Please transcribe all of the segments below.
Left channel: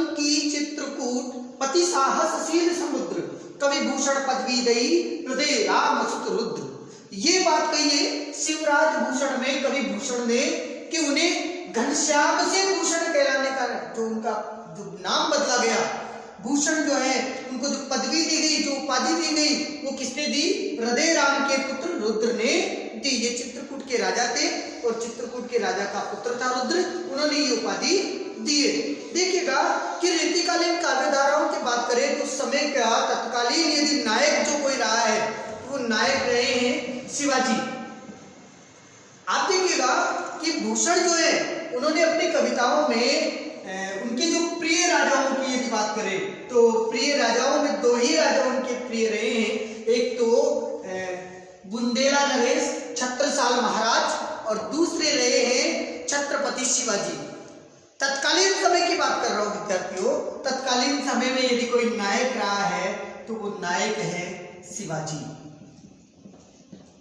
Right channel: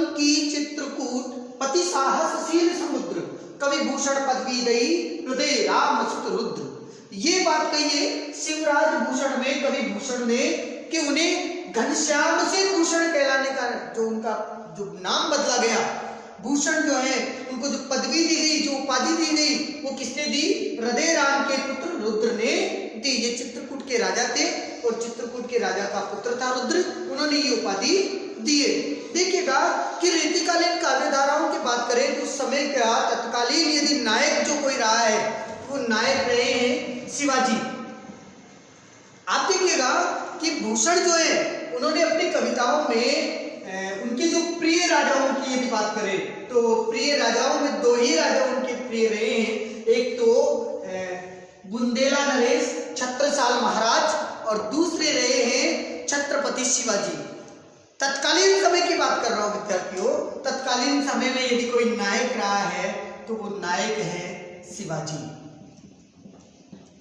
अंकी चित्रकूट पति साहसशील समुद्र कवि भूषण पदवी दई हृदय राम सुत रुद्र। ये बात कही है शिवराज भूषण में कवि भूषण ने कि उन्हें घनश्याम से भूषण कहलाने का जो उनका जो नाम बदला गया, भूषण जो है उनको जो पदवी दी गई, जो उपाधि दी गई, वो किसने दी? हृदय राम के पुत्र रुद्र ने दी। ये चित्रकूट के राजा थे और चित्रकूट के राजा का पुत्र था रुद्र, उन्होंने ये उपाधि दिए। देखिएगा कि रीतिकालीन काव्यधाराओं की बात करें तो उस समय का तत्कालीन यदि नायक जो कोई रहा है वो नायक रहे हैं शिवाजी। आप देखिएगा कि भूषण जो है उन्होंने अपनी कविताओं में उनके जो प्रिय राजाओं की यदि बात करें तो प्रिय राजाओं में दो ही राजा उनके प्रिय रहे हैं। एक तो बुंदेला नरेश छत्रसाल महाराज और दूसरे रहे हैं छत्रपति शिवाजी। तत्कालीन समय की बात कर रहा हूं विद्यार्थियों, तत्कालीन समय में यदि कोई नायक रहा है तो वो नायक है शिवाजी,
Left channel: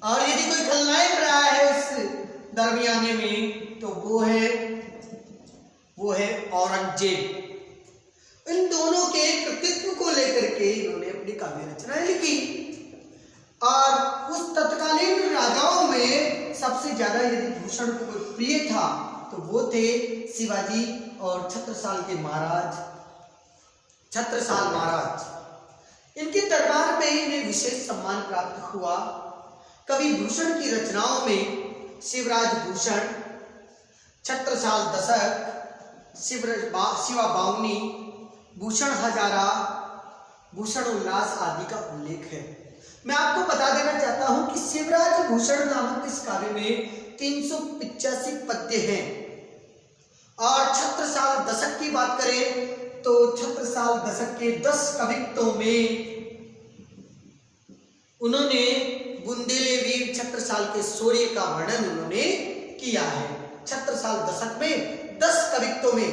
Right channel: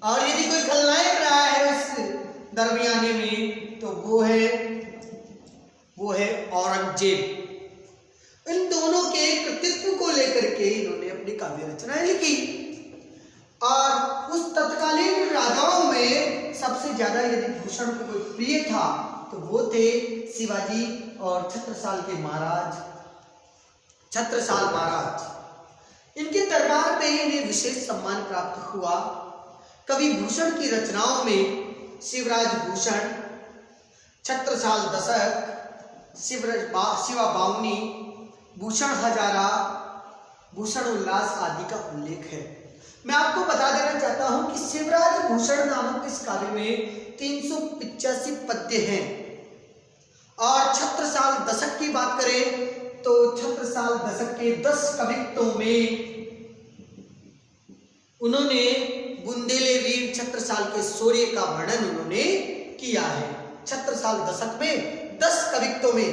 और यदि कोई खलनायक रहा है उस दरमियाने में तो वो है औरंगजेब। इन दोनों के कृतित्व को लेकर के इन्होंने अपनी काव्य रचना लिखी। और उस तत्कालीन राजाओं में सबसे ज्यादा यदि भूषण को कोई प्रिय था तो वो थे शिवाजी और छत्रसाल महाराज। इनके दरबार में इन्हें विशेष सम्मान प्राप्त हुआ। कवि भूषण की रचनाओं में शिवराज भूषण, छत्रसाल दशक, शिवा बावनी, भूषण हजारा, भूषण उल्लास आदि का उल्लेख है। मैं आपको बता देना चाहता हूं कि शिवराज भूषण नामक इस काव्य में 385 पद्य हैं। और छत्रसाल दशक की बात करें तो छत्रसाल दशक के 10 कवित्वों में उन्होंने बुंदेले वीर छत्रसाल के शौर्य का वर्णन उन्होंने किया है। छत्रसाल दशक में 10 कवित्वों में,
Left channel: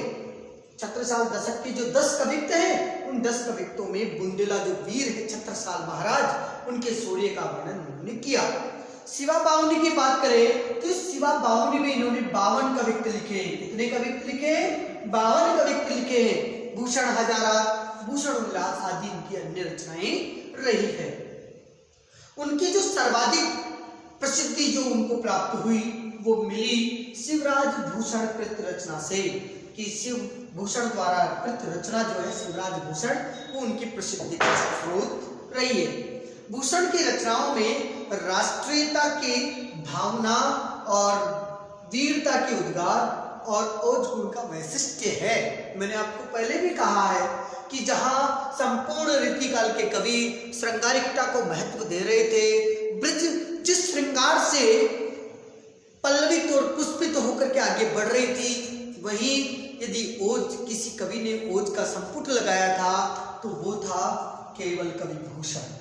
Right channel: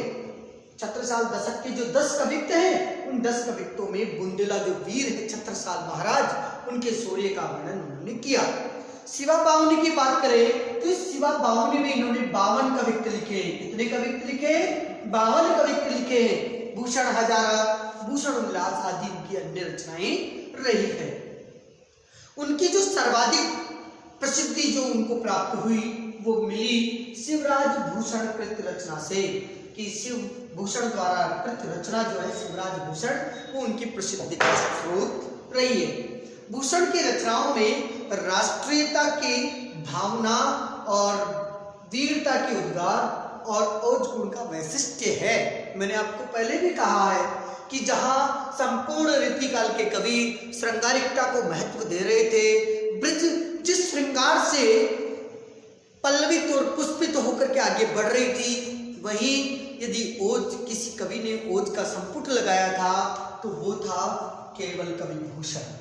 छत्रसाल दशक के जो 10 कवित्व हैं उन 10 कवित्वों में बुंदेला जो वीर है छत्रसाल महाराज, उनके शौर्य का वर्णन उन्होंने किया। शिवा बावनी की बात करें तो इस शिवा बावनी में इन्होंने 52 कवित्व लिखे। कितने कवित्व लिखे? 52 कवित्व लिखे हैं। भूषण हजारा, भूषण उल्लास आदि उनकी अन्य रचनाएं रही है। उनकी जो सर्वाधिक प्रसिद्धि जो उनको प्राप्त हुई वो मिली शिवराज भूषण कृत रचना से, कि शिव भूषण द्वारा कृत रचना जो है शिवराज भूषण, वो उनकी प्रसिद्धि का स्रोत रही है। भूषण की रचनाओं में राष्ट्रीयता की भावना और वीरता के उद्गार और ओज गुण का वैशिष्ट्य है। मैंने आपको पहले भी कहा है कि जहां संपूर्ण रीतिकाल के कवि श्रृंगारिकता को महत्व दे रहे थे, ब्रज जिस श्रृंगार से पल्लवित और पुष्पित होकर के आगे बढ़ रही थी, वहीं यदि ओज किसी कवि ने ओज का संपुट लगाया था तो वो था केवल कवि भूषण।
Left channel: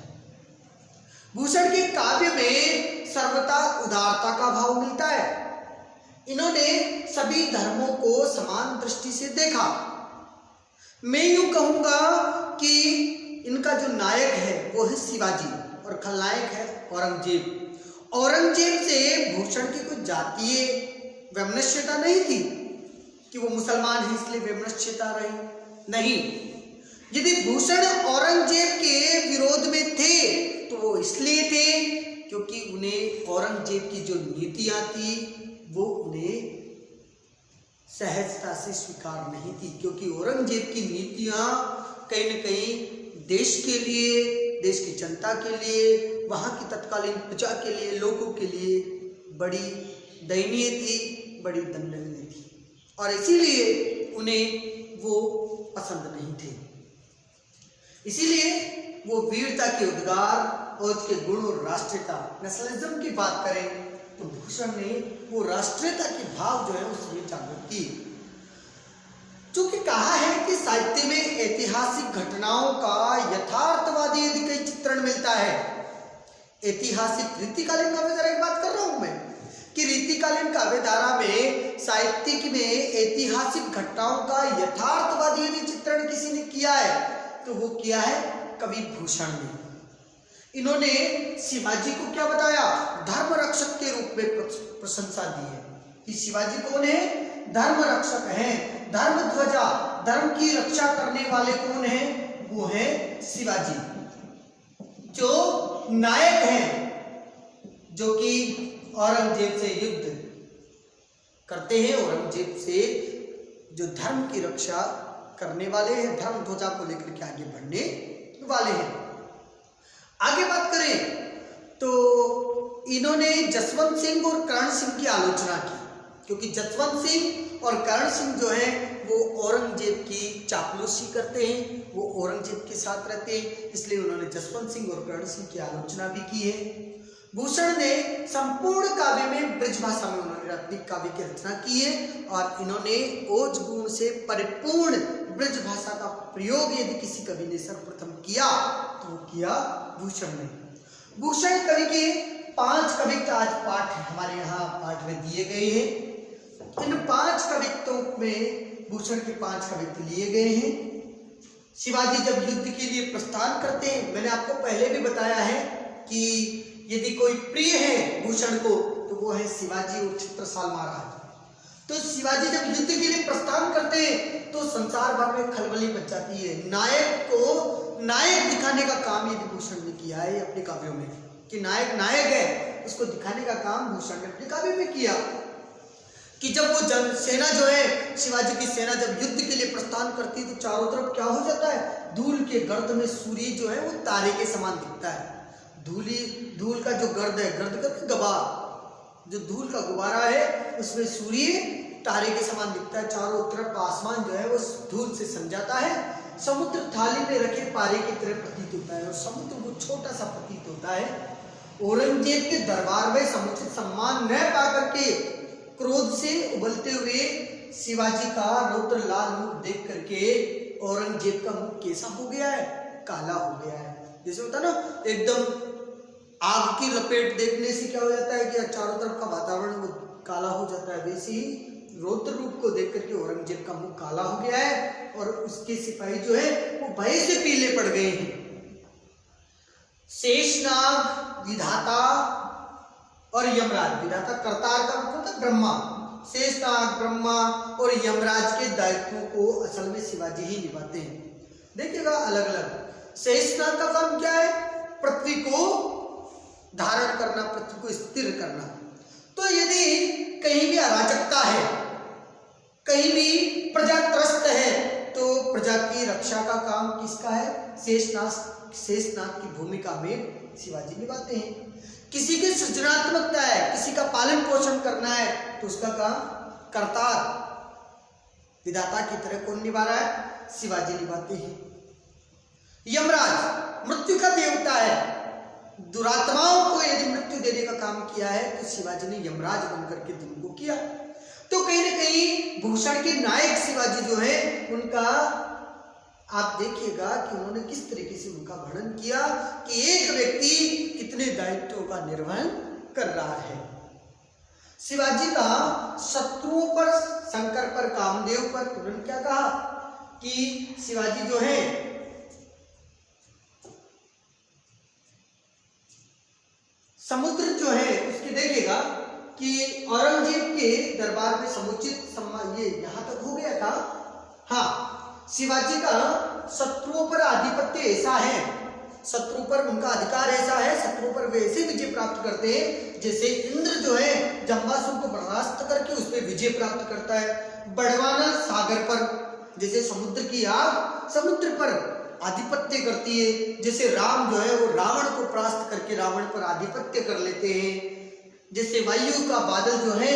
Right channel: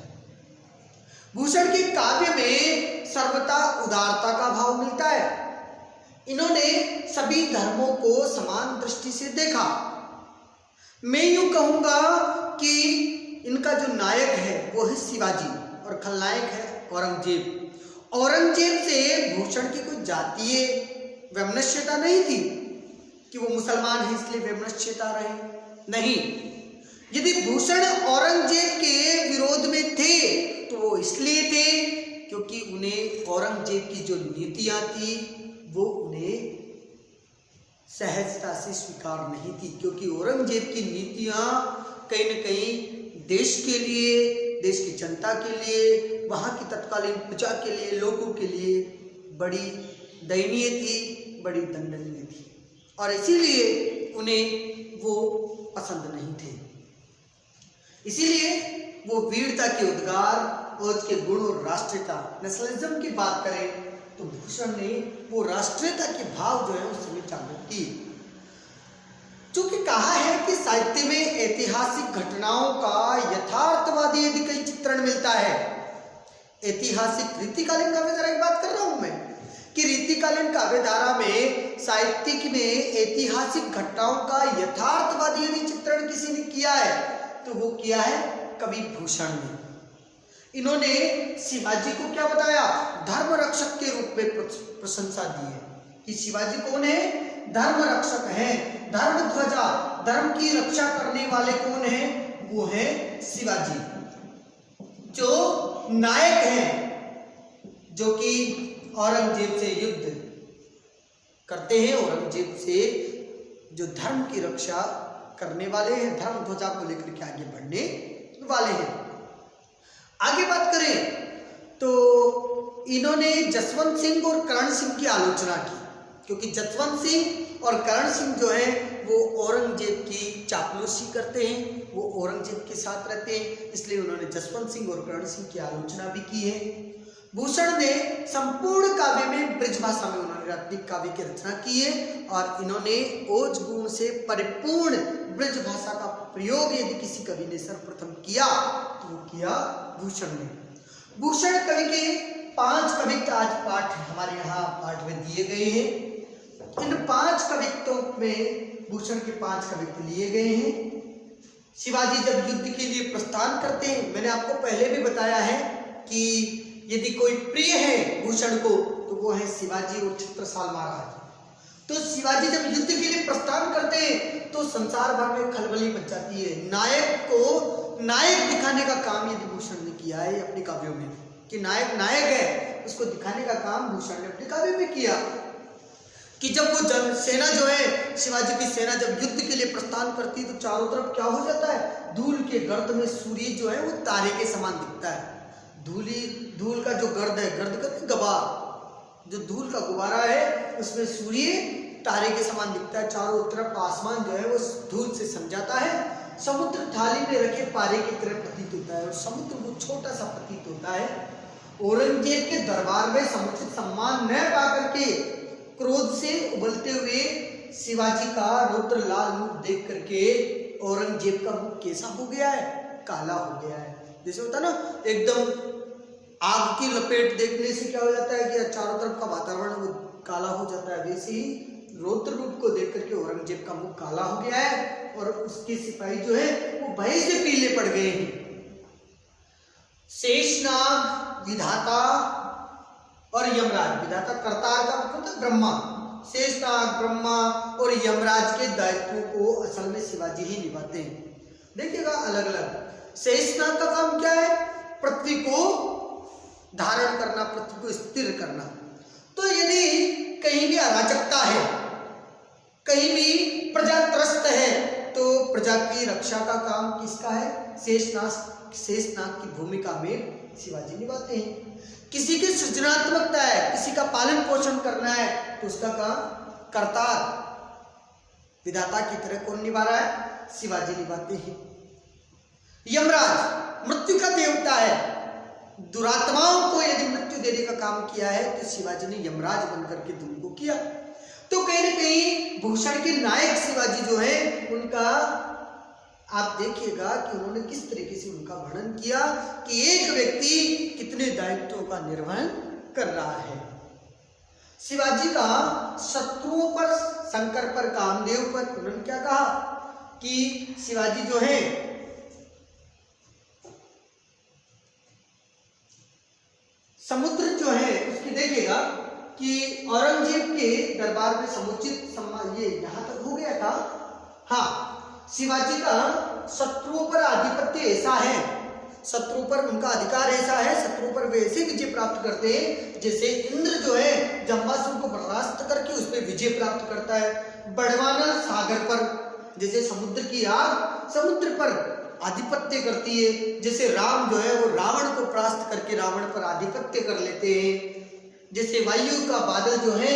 भूषण के काव्य में सर्वथा उदारता का भाव मिलता है। इन्होंने सभी धर्मों को समान दृष्टि से देखा। मैं यूं कहूंगा कि इनका जो नायक है वो है शिवाजी और खलनायक है औरंगजेब। औरंगजेब से भूषण की कोई जातीय वैमनस्यता नहीं थी कि वो मुसलमान है इसलिए वैमनस्यता रही, नहीं। यदि भूषण औरंगजेब के विरोध में थे तो वो इसलिए थे क्योंकि उन्हें औरंगजेब की जो नीतियां थी वो उन्हें सहजता से स्वीकार नहीं थी, क्योंकि औरंगजेब की नीतियां कहीं न कहीं देश के लिए, देश की जनता के लिए, वहां की तत्कालीन प्रजा के लिए, लोगों के लिए बड़ी दयनीय थी, बड़ी दंडनीय थी, और इसीलिए उन्हें वो पसंद नहीं थे। इसीलिए वो वीरता के उद्गार, ओज के गुण और राष्ट्रीयता, नेशनलिज्म की बात करें तो भूषण ने वो राष्ट्रीयता के भाव जो है उसमें जागृत किए। चूंकि कहा है कि साहित्य में ऐतिहासिक घटनाओं का यथार्थवादी यदि कहीं चित्रण मिलता है, ऐतिहासिक रीतिकालीन काव्यधारा की बात कर रहा हूं मैं, कि रीतिकालीन काव्यधारा में साहित्यिक में ऐतिहासिक घटनाओं का यथार्थवादी यदि चित्रण किसी ने किया है तो वो किया है कवि भूषण ने। इन्होंने शिवाजी को क्या बताया? धर्म रक्षक के रूप में प्रशंसा दी है कि शिवाजी कौन है? धर्म रक्षक हैं, धर्म ध्वजा, धर्म की रक्षा करने वाले कौन है? वो है शिवाजी, जो नायक हैं, जो कि औरंगजेब से युद्ध करते हैं, औरंगजेब से जो धर्म की रक्षा करने वाले हैं, धर्म ध्वजा को लेकर के आगे बढ़ने वाले हैं। आगे बात करें तो इन्होंने जसवंत सिंह और कर्ण सिंह की आलोचना की, क्योंकि जसवंत सिंह और कर्ण सिंह जो है वो औरंगजेब की चापलूसी करते हैं, वो औरंगजेब के साथ रहते हैं, इसलिए उन्होंने जसवंत सिंह और कर्ण सिंह की आलोचना भी की है। भूषण ने संपूर्ण काव्य में ब्रज भाषा में उन्होंने अपनी काव्य की रचना की है, और इन्होंने ओज गुण से परिपूर्ण ब्रज भाषा का प्रयोग यदि किसी कवि ने सर्वप्रथम किया तो वो किया भूषण ने। भूषण कवि के 5 कवित्व आज पाठ हमारे यहाँ पाठ में दिए गए हैं। इन 5 कवित्वों में भूषण के 5 कवित्व लिए गए हैं। शिवाजी जब युद्ध के लिए प्रस्थान करते हैं, मैंने आपको पहले भी बताया है कि यदि कोई प्रिय है भूषण को तो वो है शिवाजी और छत्रसाल महाराज। तो शिवाजी जब युद्ध के लिए प्रस्थान करते हैं तो संसार भर में खलबली मच जाती है। नायक को नायक दिखाने का काम यदि भूषण ने किया है अपने काव्यों में, कि नायक नायक है, उसको दिखाने का काम भूषण ने अपने काव्य में किया। कि जब वो सेना जो है, शिवाजी की सेना जब युद्ध के लिए प्रस्थान करती है तो चारों तरफ क्या हो जाता है, धूल के गर्द में सूर्य जो है वो तारे के समान दिखता है। धूल का जो गर्द है, गर्द का गबार, जो धूल का गुब्बारा है उसमें सूर्य तारे के समान दिखता है। चारों तरफ आसमान जो है वो धूल से सम जाता है। समुद्र थाली में रखे पारे की तरह प्रतीत होता है, और समुद्र वो छोटा सा प्रतीत होता है। औरंगजेब के दरबार में समुचित सम्मान न पाकर के क्रोध से उबलते हुए शिवाजी का रौद्र लाल मुख देख करके औरंगजेब का मुख कैसा हो गया है, काला हो गया है। जैसे होता ना एकदम आग की लपेट देखने से क्या हो जाता है कि चारों तरफ का वातावरण काला हो जाता है, वैसे ही रौद्र रूप को देख करके औरंगजेब का मुख काला हो गया है, और उसके सिपाही जो है वो भय से पीले पड़ गए हैं। शेषनाग, विधाता और यमराज, विधाता करतार का मतलब था ब्रह्मा, शेषनाग, ब्रह्मा और यमराज के दायित्वों को असल में शिवाजी ही निभाते हैं। देखिएगा अलग अलग। शेषनाग का काम क्या है, पृथ्वी को धारण करना, पृथ्वी को स्थिर करना। तो यदि कहीं भी अराजकता है, कहीं भी प्रजा त्रस्त है, तो प्रजा की रक्षा का काम किसका है, शेषनाग की भूमिका में शिवाजी निभाते हैं। किसी की सृजनात्मकता है, किसी का पालन पोषण करना है, तो उसका काम करतार, विधाता की तरह कौन निभा रहा है, शिवाजी निभाते हैं। यमराज मृत्यु का देवता है, दुरात्माओं को यदि मृत्यु देने का काम किया है तो शिवाजी ने यमराज बनकर के तुमको किया। तो कहीं ना कहीं भूषण के नायक शिवाजी जो है उनका आप देखिएगा कि उन्होंने किस तरीके से उनका वर्णन किया कि एक व्यक्ति कितने दायित्वों का निर्वहन कर रहा है। शिवाजी का शत्रुओं पर, शंकर पर, कामदेव पर उन्होंने क्या कहा कि शिवाजी जो है समुद्र जो है उसकी देखिएगा कि औरंगजेब के दरबार में समुचित सम्मान, ये यहां तक हो गया था। हाँ, शिवाजी का शत्रुओं पर आधिपत्य ऐसा है, शत्रु पर उनका अधिकार ऐसा है, शत्रु पर वे ऐसी विजय प्राप्त करते हैं जैसे इंद्र जो है जम्बासुर को परास्त करके उस पर विजय प्राप्त करता है। बड़वानल सागर पर, जैसे समुद्र की आग समुद्र पर आधिपत्य करती है, जैसे राम जो है वो रावण को परास्त करके रावण पर आधिपत्य कर लेते हैं। जैसे वायु का बादल जो है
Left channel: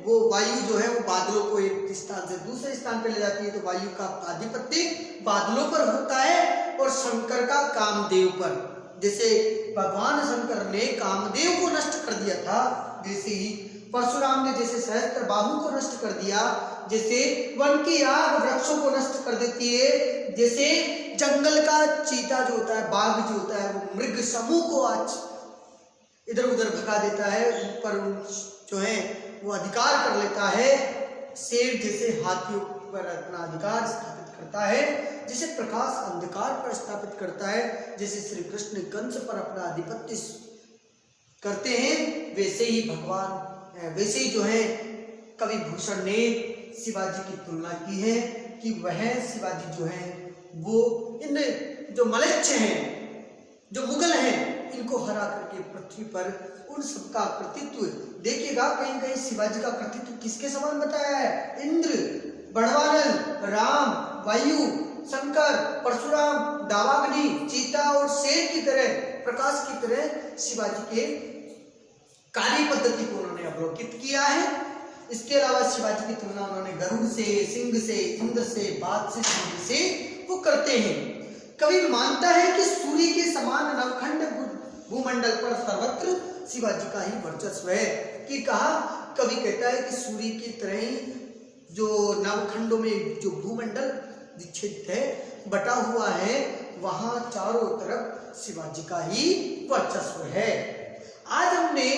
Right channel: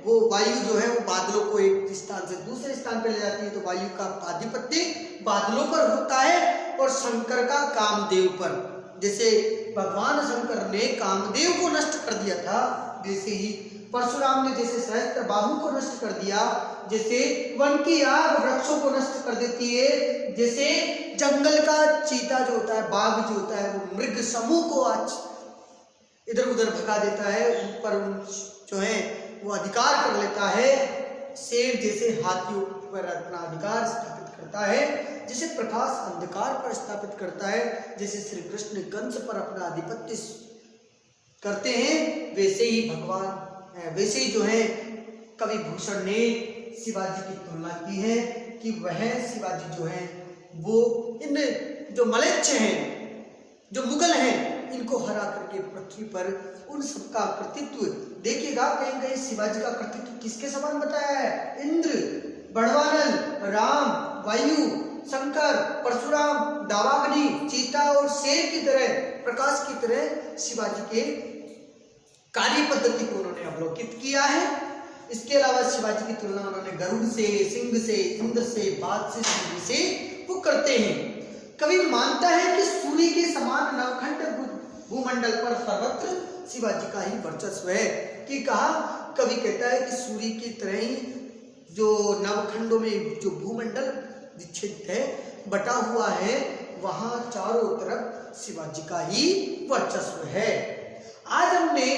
वो वायु जो है वो बादलों को एक स्थान से दूसरे स्थान पर ले जाती है, तो वायु का आधिपत्य बादलों पर होता है। और शंकर का कामदेव पर, जैसे भगवान शंकर ने कामदेव को नष्ट कर दिया था, वैसे ही परशुराम ने जैसे सहस्त्र बाहु को नष्ट कर दिया, जैसे वन की आग वृक्षों को नष्ट कर देती है, जैसे जंगल का चीता जो होता है, बाघ जो होता है, वो मृग समूह को आज इधर उधर भगा देता है, उन पर जो है वो अधिकार कर लेता है। शेर जैसे हाथियों पर अपना अधिकार स्थापित करता है, जैसे प्रकाश अंधकार पर स्थापित करता है, जैसे श्री कृष्ण कंस पर अपना आधिपत्य करते हैं, वैसे ही भगवान, वैसे ही जो है कवि भूषण ने शिवाजी की तुलना की है कि वह शिवाजी जो है वो इन जो मलेच्छ हैं, जो मुगल हैं, इनको हरा करके पृथ्वी पर उन सबका कर्तृत्व देखिएगा। कहीं कहीं शिवाजी का कर्तृत्व किसके समान बताया है? इंद्र, बड़वानल, राम, वायु, शंकर, परशुराम, दावाग्नि, चीता और शेर की तरह, प्रकाश की तरह शिवाजी के कार्य पद्धति को उन्होंने अवलोकित किया है। इसके अलावा शिवाजी की तुलना उन्होंने गरुड़ से, सिंह से, इंद्र से, बाज से, सिंह से वो करते हैं। कवि मानता है कि सूर्य के समान नवखंड भूमंडल पर सर्वत्र शिवाजी का ही वर्चस्व है। कि कहा, कवि कहता है कि सूर्य की तरह ही जो नवखंडों में जो भूमंडल विच्छेदित है, बटा हुआ है, वहां चारों तरफ शिवाजी का ही वर्चस्व है। आज हमने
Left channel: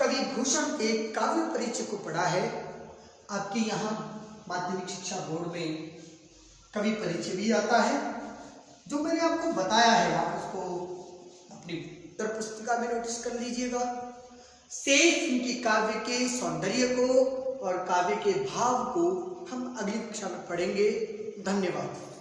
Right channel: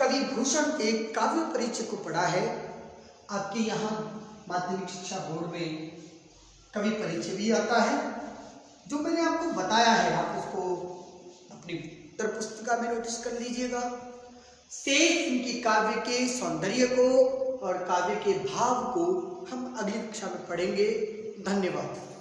कवि भूषण के काव्य परिचय को पढ़ा है। आपके यहाँ माध्यमिक शिक्षा बोर्ड में कवि परिचय भी आता है। जो मैंने आपको बताया है आप उसको अपनी उत्तर पुस्तिका में नोटिस कर लीजिएगा। शेष इनकी काव्य के सौंदर्य को और काव्य के भाव को हम अगली कक्षा में पढ़ेंगे। धन्यवाद।